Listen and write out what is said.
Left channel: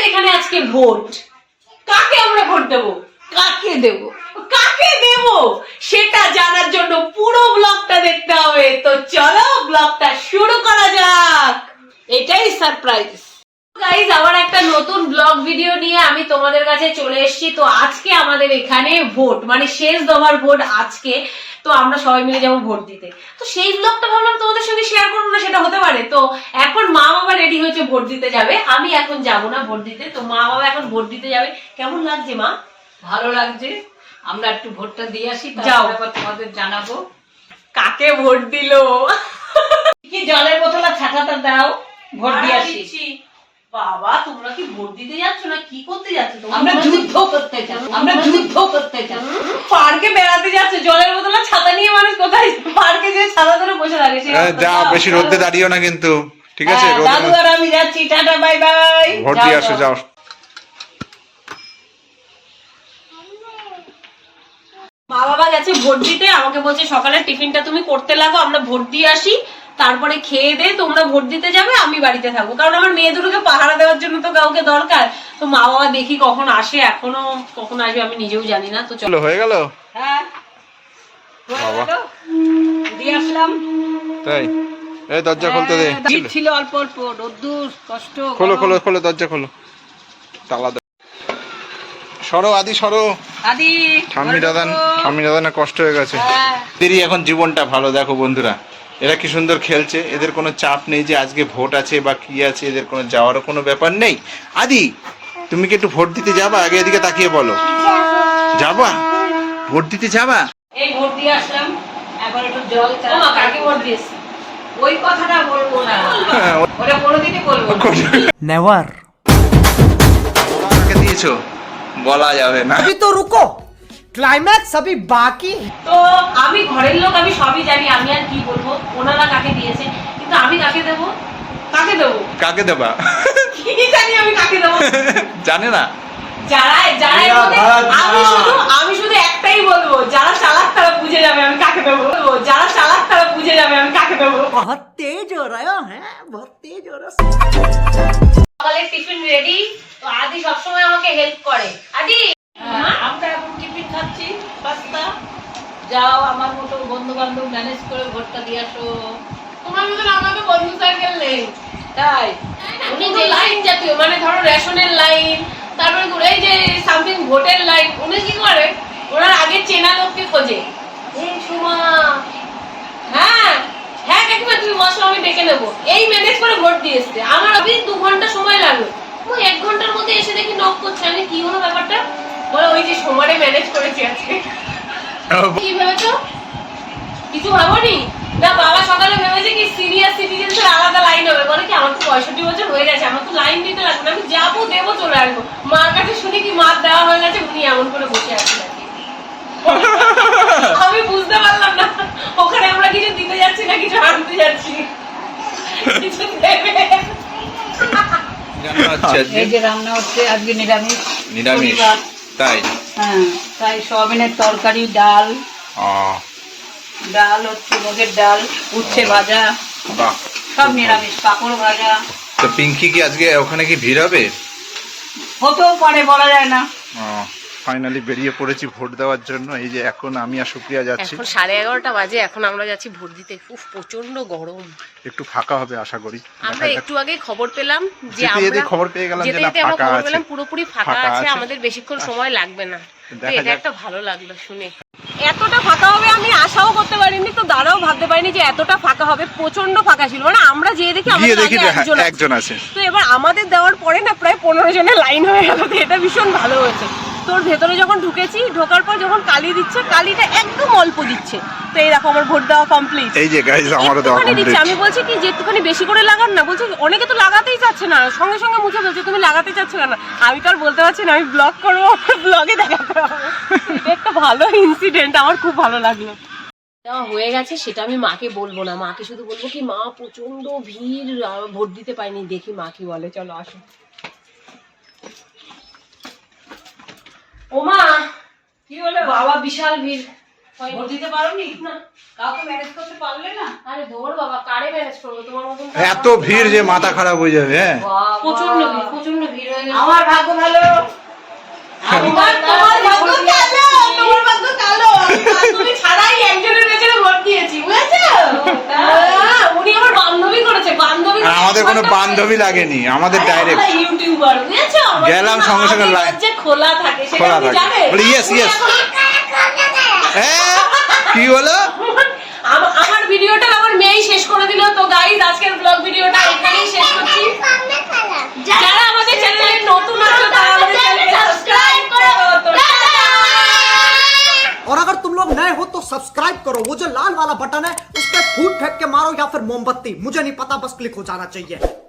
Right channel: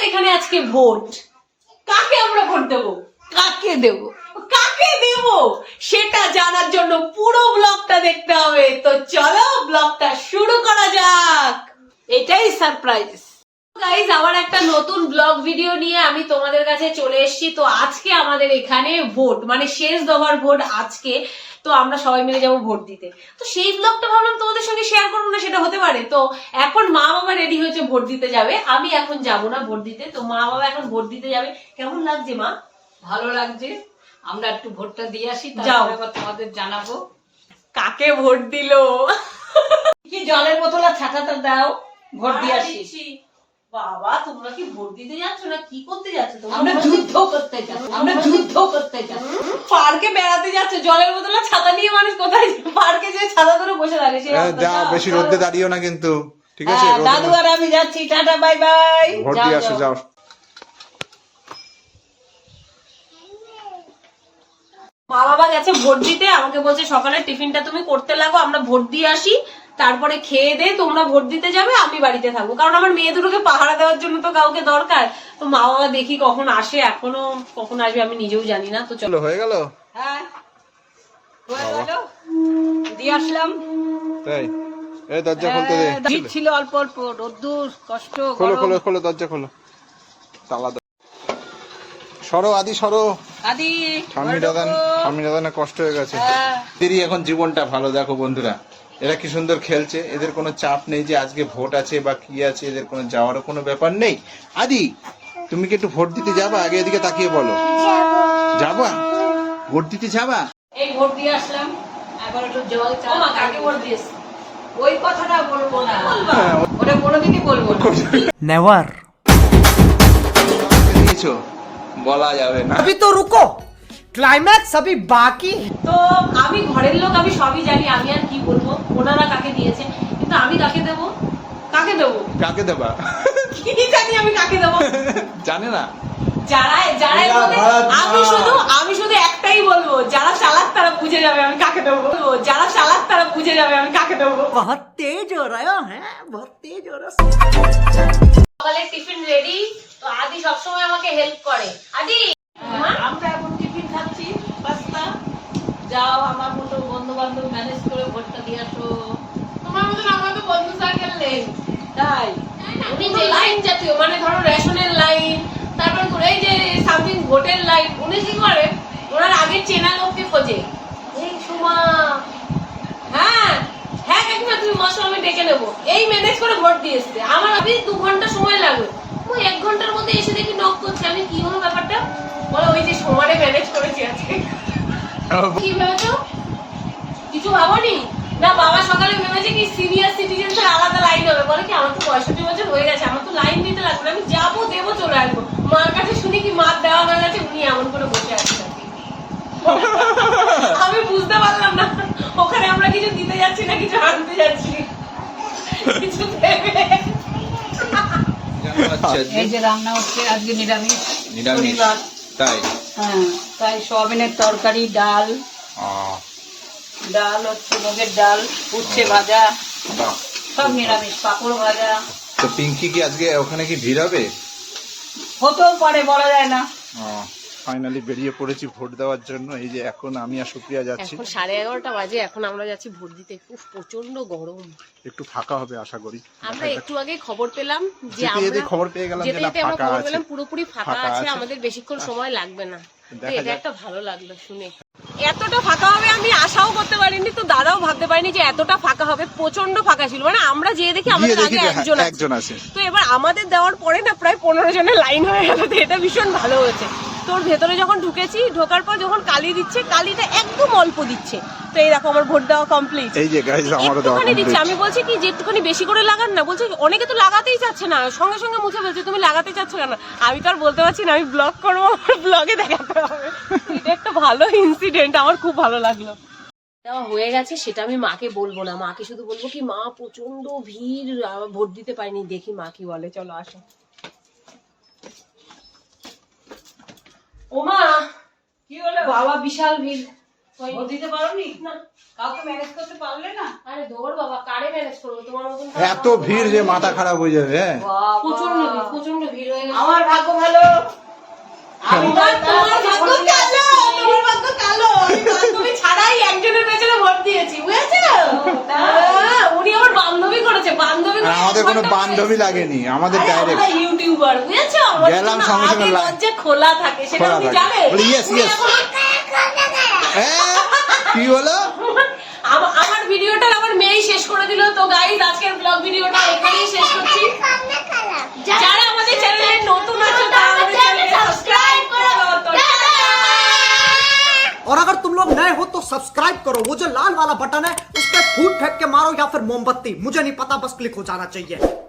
আমাদের এখানে আজকে ভোট। কাকে আমরা ভোট দেবো, কাকে দেব, কাকে দেব সেটা জানার জন্য পুরো ব্লগটা দেখতে হবে। তো চলো ব্লগটা শুরু করা যাক। এটাই সারপ্রাইজ গাইজ, আবার একটা নতুন ব্লগ ভিডিও নিয়ে আমি তোমাদের কাছে চলে এসেছি। তো আজকে আমাদের এখানে ভোট, মানে শেষ দফার ভোট আজকে। তো আমরা সবাই মিলে যাবো ভোট দিতে। তো সেই ব্লগটা ভাবলাম তোমাদের সঙ্গে শেয়ার করবো না, সেটা হতে পারে। তো এখন মা বাবা রেডি হয়েছে ভোট দিতে যাবে, আমি এখন যাব না ভোট দিতে। তো মা বাবা এখন ভোট দিতে যাবে। কেমন লাগছে মা? ভালো লাগছে। আমরা একটু ভোটটা দিয়ে আসি, যাও। তারপর তোমাদের জানাবো কাকে ভোট দিল। কি জলের বোতল আর ছাতাটা দাও, ভোট দিয়ে আসি। বাবা তোমরা কি ভোট দিতে যাচ্ছ না কি করতে যাচ্ছ? আমরা যুদ্ধ করতে চাই, আমরা যুদ্ধ করতে চাই। পার্কে বেড়াতে যাচ্ছে, জলের বোতল আর ছাতা নিয়ে মানুষ কোথায় পার্কে যে ছাতা ধরে বসে থাকে? যা বেশি রোদে দাঁড়িও না কিন্তু, ঠিক আছে? দাদু আর আমি যাচ্ছি, টাটা বাই বাই। ভোট দিয়ে আসো, যাও। মা বাবা গেছে ভোট দিতে, আমাকে বলছে সকালে টিফিনটা তুমি করতে লাগো, আমরা ভোট দিয়ে আসি, তারপরে খেয়ে দে তোমরা ভোট দিতে যাবে, আমি বাড়িতে থাকবো। কারণ আমার মেয়ে দুটোকে পাহারা দেওয়ার জন্য তো কাউকে দরকার। তো মা বাবা দেখি কখন আসে, এখনো কখন আসবে আমি নিজেও জানি না। তো চলো। হয়ে গেল? হ্যাঁ হয়ে গেল, দিয়ে আসলাম। তাই? এই দরজা খুলতে দে। শীত ছিল অল্প অল্প, রোদ্দুর কষ্ট। খোলো খোলো খোলো, দরজা খোলো, তালা দাও। সরো আদি, সরো। আদি ঠাম্মি দাদা কষ্ট হয়ে গেছে। হ্যাঁ। এদেরই এখন জীবনটা ভালো। দেখো বন্ধুরা, এরা কি সুন্দর খেলছে, এদের কোনো চাপ নেই যে আজকে ভোট আছে বা কি আছে, এদের কোনো যাওয়ারও কোনো ব্যাপার নেই। আদি, তুমি কি একটু ভোট দিতে যাবা? আগে এদিকে তাকিয়ে বলো, যাবা ভোট দিতে যাবা? এই ভোট দিয়ে আসলাম, এখন একটু জল চা। ও মা, কাকে ভোট দিয়েছে? ওই কথাটা বলবো না, ওটা কোনোদিনই বলবো না। नेवर। কাকে দিয়েছো বলা যাবে না। अभी तो रुको, क्लाइमैक्स अभी बाकी है। তো আমি ঘরের লোক, আমি সবই জানি, আমি আর কি বলবো ওনারা কাকে দিয়েছে। কিন্তু আমি কাকে দেবো, কাকে দেবো কাকে দেবা কি জানি আমি কাকে দেবো। জানে না। যারা যারা এর মধ্যে, আমি শুধু একটাই বলবো, যারা চালাক তারা বুঝে যাবে আমি কাকে দেবো। যারা চালাক তারা বুঝে যাবে আমি কাকে দেবো। बहुत तेज हो रहा है, बहुत तेज हो रहा है। সকালের টিফিন রেডি। তো আদি সবসময় আমাকে হেল্প করে। আদি আমরা এখন টিফিন খাচ্ছি, পাস্তা। যাও আমার মতো বন্ধু বান্ধব ম্যানেজ করে ভোটটা দিয়ে আসো। তোমার মতন আমার তো বন্ধু সার্কেল নেই। তাই উনি যে লাইন জাতীয়, মানে ধরো রেশনের লাইন, তারপরে এই যে সামথিং ভোটের লাইন, উনি কি করে ওনার আগে চেনা লোককে খোঁজে। এই সুমা, হ্যাঁ হ্যাঁ কাকিমা তুমি বসো আমি ডেকে নেবো, এই ম্যানেজ করে ভোট দিয়ে এসছে। আমার অবধি 2 ঘন্টা সময় লাগবে, ও 1 ঘন্টার মধ্যে এসে দেখি নক করছে। আমি কি হলো ব্যাপারটা, বলে ওই যে সময়টা ম্যানেজ করেছি আজকে। কি ভেবেছো? কিছু ভাবোনি? না বাবা সকালে ভেবেছে কি সিনিয়র সিটিজেনদের আলাদা লাইন হবে। বলে কি আমার তো 65 বছর হয়ে গেছে, আমার তো লাইন দিতে লাগবে না, আমি যাবো দেবো চলে আসবো। মার কাছে শুনি কি মার দেওয়া হয়ে গেছে, উনি এমন করে বসে আছেন। আমি বুঝতে পারলাম না ওখানে আমরা কিছু দিতে যাচ্ছি না কিছু আনতে যাচ্ছি, কিছু দেবে। এই যে রান্না হচ্ছে আজকে নিরামিষ। নিরামিষ? শনিবার। তাই? হ্যাঁ, তাই সয়াবিনের তরকারি, ডাল হচ্ছে, মুগের ডাল, উচ্ছে ভাজা, বাহ, সব নিরামিষ, পাঁপড় ভাজা। তো পিঙ্কি কি আজকে ওখানে কি ভিড় হবে? হতেও পারে, বলা যায় না। ফাইনালি বেরিয়ে পড়েছি ভোট দেওয়ার জন্য। এই যে এখন আমি আর সুপ্রিয়া যাচ্ছি। এখন 11:30 বাজে, এখন আমরা যাচ্ছি ভোট দিতে। উফ প্রচন্ড গরম। একটু ফাঁকা হবে আশা করি। আমরা একটু আগে খবর পেলাম যে যেতে যেতে খবর পেয়ে গেলাম যে না, ফাঁকা আছে, পুরোপুরি ফাঁকা আছে, আমাদের বেশিক্ষণ সময় লাগবে না। তো এটা একটা ভালো লাগলো শুনে। এতটা ফাঁকা হবে আমি আশাও করতে পারিনি, তো দাঁড়াও ভাবতে পারিনি যে এতটা ফাঁকা হবে। প্রচন্ড ফাঁকা ছিল, মানে আমরা যেয়ে দেখি আমাদের আগে একজন আছে। তো এবার আমাদের দেওয়ার পরে না প্রায় 15 জনের লাইন হয়ে গেল। তো এটা ভীষণ ভালো হয়েছে। তোর ভেতরে যখন ঢুকেছি, ঢোকার পর যখন কালি দিচ্ছে, কালিটা একদম অল্প দিচ্ছে। তো এই দেখো আমার ভোট দেওয়া কমপ্লিট। এই যে গাইস আমারও দেওয়া কমপ্লিট। আমি বলছি কি যে একটুখানি বেশি করে লাগান না, বলছে অনেকে তো লাগাতেই চাচ্ছে না, সঙ্গে সঙ্গে মুছে বলছে তুমি লাগাতে চাচ্ছ কেন। আমি তো আর বলতে পারছি না, আমি ব্লগ করবো, ব্লগে দেখাতে হবে। এটা একটা ভালো ইনসিডেন্ট, আমার খুব ভালো লাগলো। দেওয়া হয়ে গেছে, সেটা আমি মাকে বলবো না, মাকে শুধু বলবো কি মা প্রচন্ড ভিড়, ভোট দিতে পারিনি। দেখি মা কি বলে। চলো আসো। ও মা, কি হলো বাবা বিশাল ভিড়। ভোট দিতে পারোনি? না। কাউকে ম্যানেজ করতে পারলে না? আরে ধর বাবা, কারে ম্যানেজ করবো তোমার মতন? এত ভিড় যে মাথা খারাপ হয়ে যাবে, হ্যাঁ। প্রচন্ড ভিড় হয়ে গেছে। আমার ভাগ্য ভালো। তোমার ভাগ্য কালো, তোমার ভাগ্য কালো। আমি বান্ধবী ছাড়াই একজনের পেছনে ভোট দিয়েছি, বুঝেছো? হ্যাঁ, উনি আমার বান্ধবী করেছে, বান্ধবী আর আমাদের কোনো বান্ধবী লাগেনি, আমাদের ডাইরেক্ট ইউটিউবার, বুঝেছো? আমাদের গেলাম কোনো সঙ্গে সঙ্গে হাত লাইন। যে খোলা থাকে সেটা খোলা আপনি থাকে। জানেন? বলি, yes, উনি yes. এখন- কি হলো? আমার ভিডিওটা আমার মেয়েই শেষ করে দিল। তো গাইস, আজকের ব্লগ ভিডিওটা এখানেই শেষ করছি। যারা আমাদের চ্যানেলে নতুন আছো তারা আমাদের চ্যানেলকে সাবস্ক্রাইব করো। और अगर तुम लोग नए हो तो सब्सक्राइब करो, वो जो लाल वाला बटन है उस पर फूट फेंक के मारो या फिर मोमबत्ती, मुझे नहीं पता, बस क्लिक हो जाना चाहिए।